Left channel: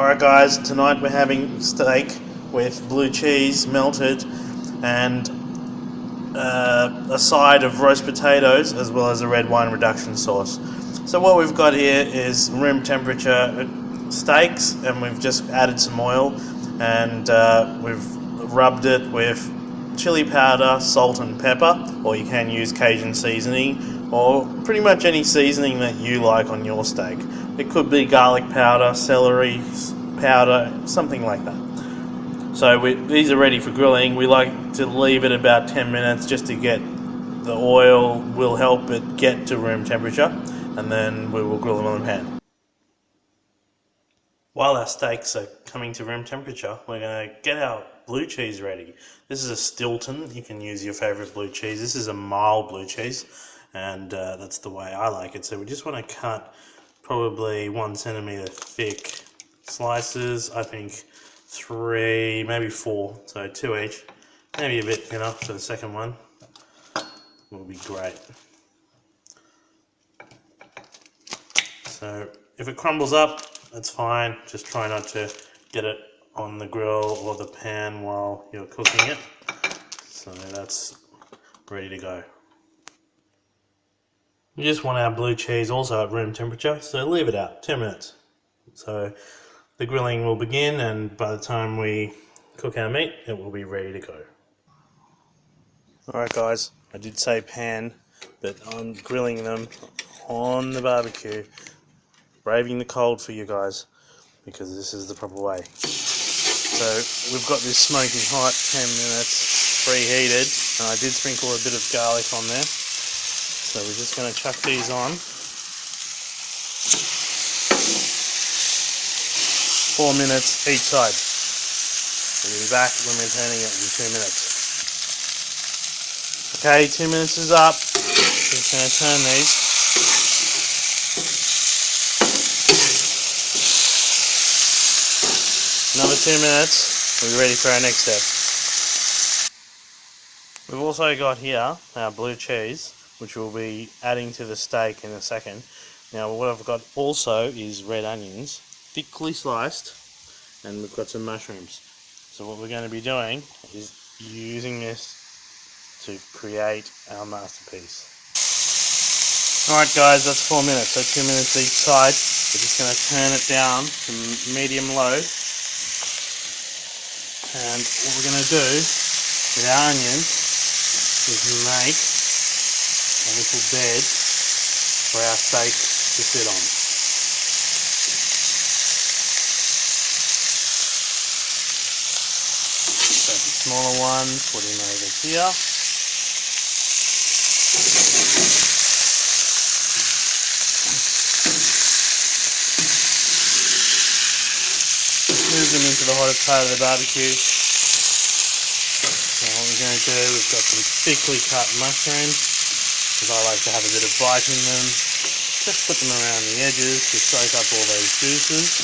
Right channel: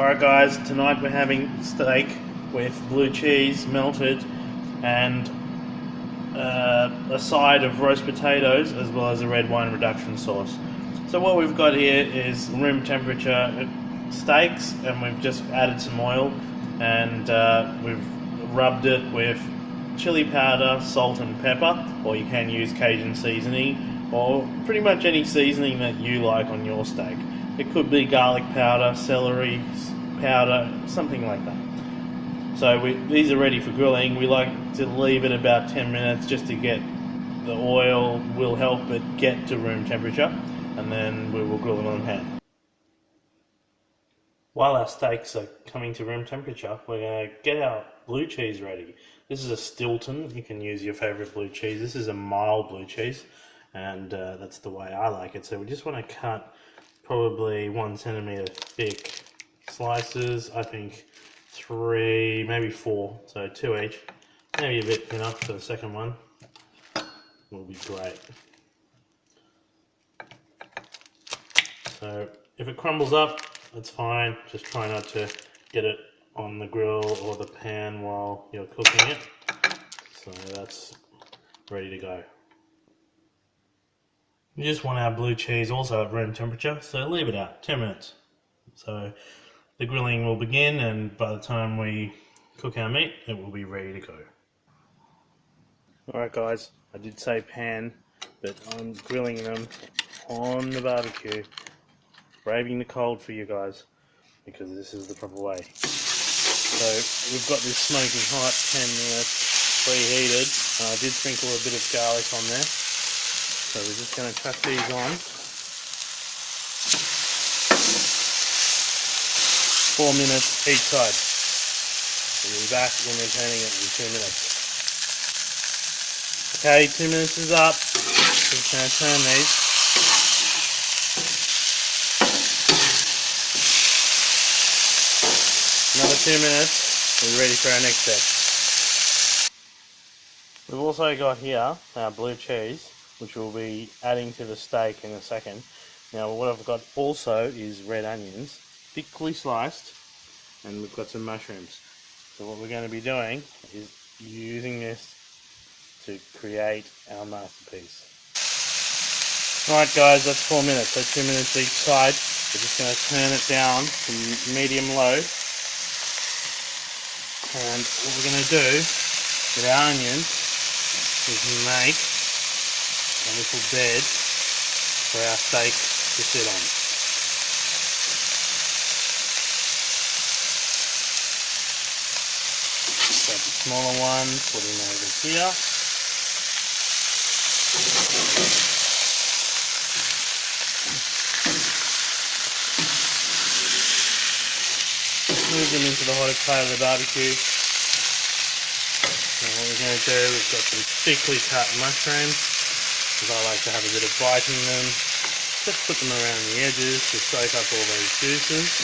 Alright guys, tonight we're having steak with blue cheese melted and a side of roast potatoes as well as a red wine reduction sauce. So what we've got here is room temperature steaks, and we've just added some oil and we've rubbed it with chili powder, salt and pepper, or you can use Cajun seasoning or pretty much any seasoning that you like on your steak. It could be garlic powder, celery powder, something like that. So these are ready for grilling. We like to leave it about 10 minutes just to get the oil, will help it get to room temperature, and then we will grill them on the pan. While our steaks are coming to room temperature, we're going to get our blue cheese ready. This is a Stilton. You can use your favourite blue cheese. This is a mild blue cheese, and that's the way I like it. So we just want to cut probably 1 centimetre thick slices. I think 3, maybe 4, so 2 each. Maybe a bit thinner for the second one. Will be great. So if it crumbles up, that's fine. Just try not to get it on the grill or the pan while you're cooking it. So that's ready to go. We just want our blue cheese also at room temperature, so leave it out 10 minutes. So the grilling will begin, and by the time we cook our meat, it will be ready to go. Alright guys, I did say pan, but I'm grilling them on the barbecue. Braving the cold for you guys, because this is the proper way. So we've got this smoking hot, 10 minutes preheated, and I did sprinkle a bit of garlic on there. So we're just going to chuck these on. 4 minutes each side. We'll be back when we're turning it in 2 minutes. Okay, 2 minutes is up. Just going to turn these. Another 2 minutes, we'll be ready for our next step. We've also got here our blue cheese, which we'll be adding to the steak in a second. Now what I've got also is red onions, thickly sliced, and we've got some mushrooms. So what we're going to be doing is using this to create our masterpiece. Alright guys, that's 4 minutes, so 2 minutes each side. We're just going to turn it down to medium-low. And what we're going to do with our onions is make a little bed for our steak to sit on. So the smaller one, put him over here. Move them into the hottest part of the barbecue. Now what we're going to do, we've got some thickly cut mushrooms, because I like to have a bit of bite in them. Just put them around the edges to soak up all those juices.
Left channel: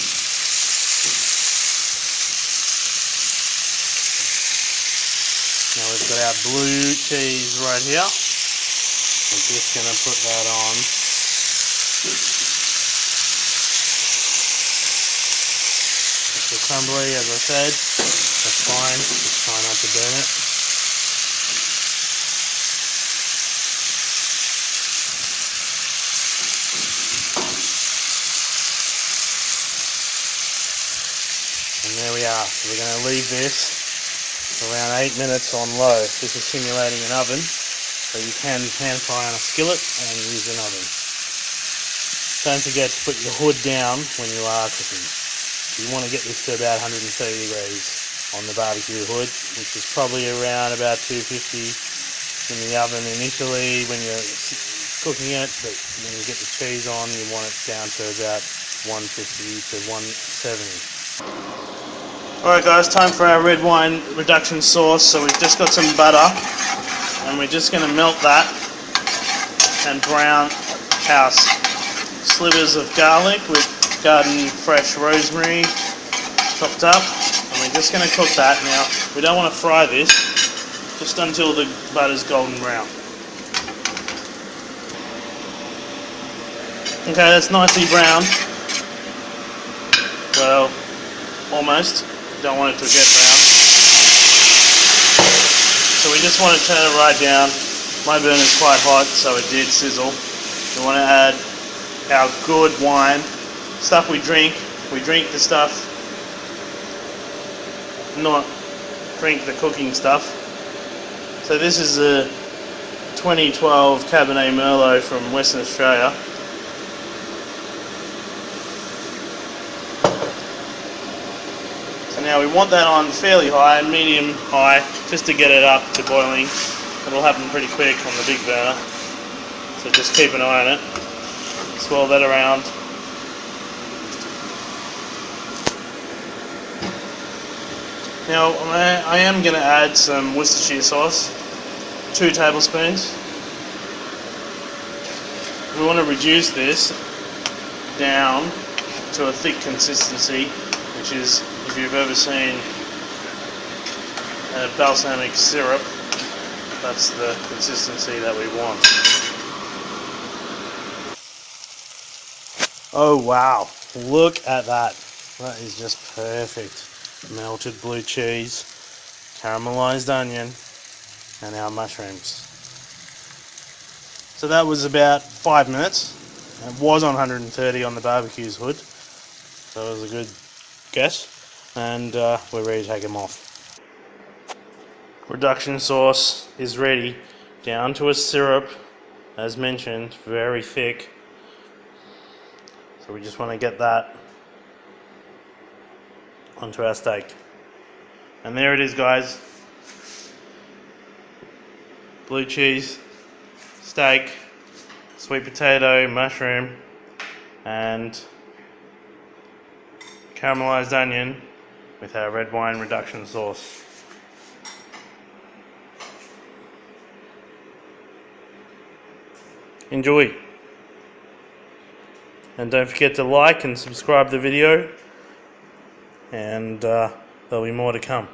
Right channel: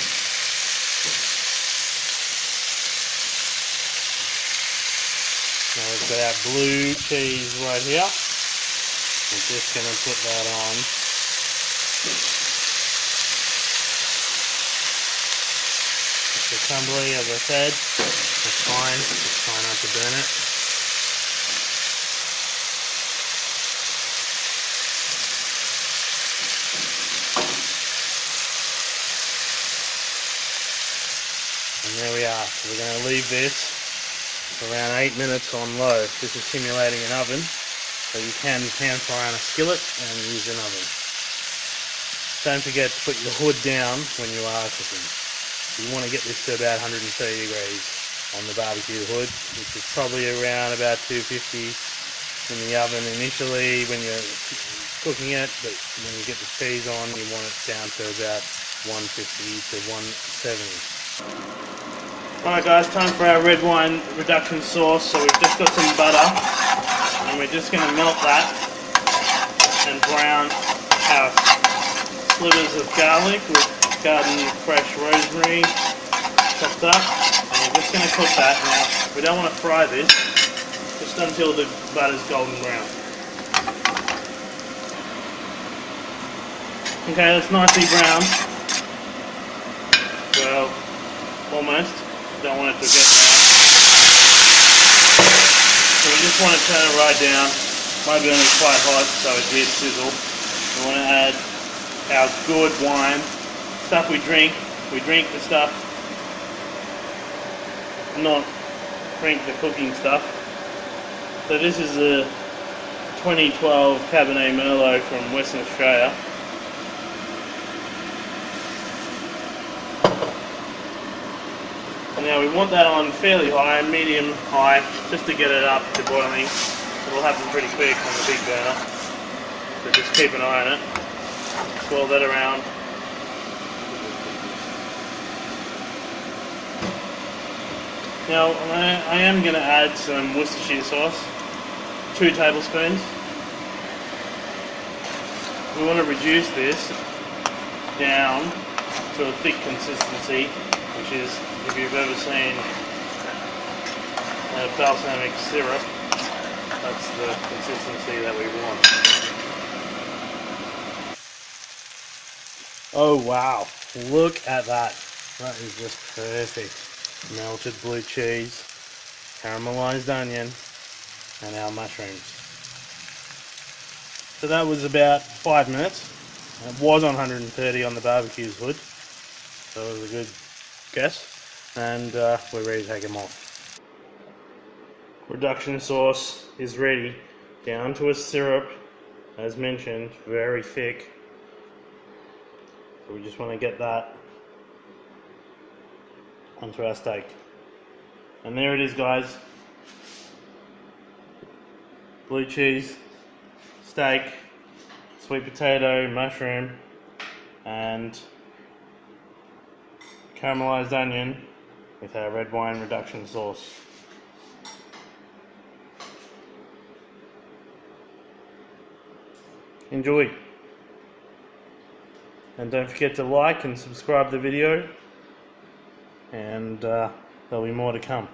Now we've got our blue cheese right here. We're just going to put that on. It's crumbly, as I said. That's fine, just try not to burn it. And there we are. So we're going to leave this for around 8 minutes on low. This is simulating an oven, so you can pan fry on a skillet and use an oven. Don't forget to put your hood down when you are cooking. You want to get this to about 130 degrees on the barbecue hood, which is probably around about 250 in the oven initially when you're cooking it, but when you get the cheese on, you want it down to about 150 to 170. Alright guys, time for our red wine reduction sauce. So we've just got some butter, and we're just going to melt that and brown our slivers of garlic with garden fresh rosemary chopped up, and we're just going to cook that. Now we don't want to fry this, just until the butter's golden brown. Okay, that's nicely browned. Well, almost. Don't want it to get brown. So we just want to turn it right down. My burner's quite hot, so it did sizzle. We want to add our good wine, stuff we drink. We drink the stuff, not drink the cooking stuff. So this is a 2012 Cabernet Merlot from Western Australia. So now we want that on fairly high, medium high, just to get it up to boiling. It'll happen pretty quick on the big burner. So just keep an eye on it. Swirl that around. Now I am going to add some Worcestershire sauce, 2 tablespoons. We want to reduce this down to a thick consistency, which is, if you've ever seen a balsamic syrup, that's the consistency that we want. Oh wow, look at that. That is just perfect. Melted blue cheese, caramelized onion, and our mushrooms. So that was about 5 minutes. It was on 130 on the barbecue's hood, so it was a good guess. And we're ready to take them off. Reduction sauce is ready, down to a syrup, as mentioned, very thick. So we just want to get that onto our steak. And there it is, guys. Blue cheese, steak, sweet potato, mushroom, and caramelized onion with our red wine reduction sauce. Enjoy. And don't forget to like and subscribe the video, and there'll be more to come.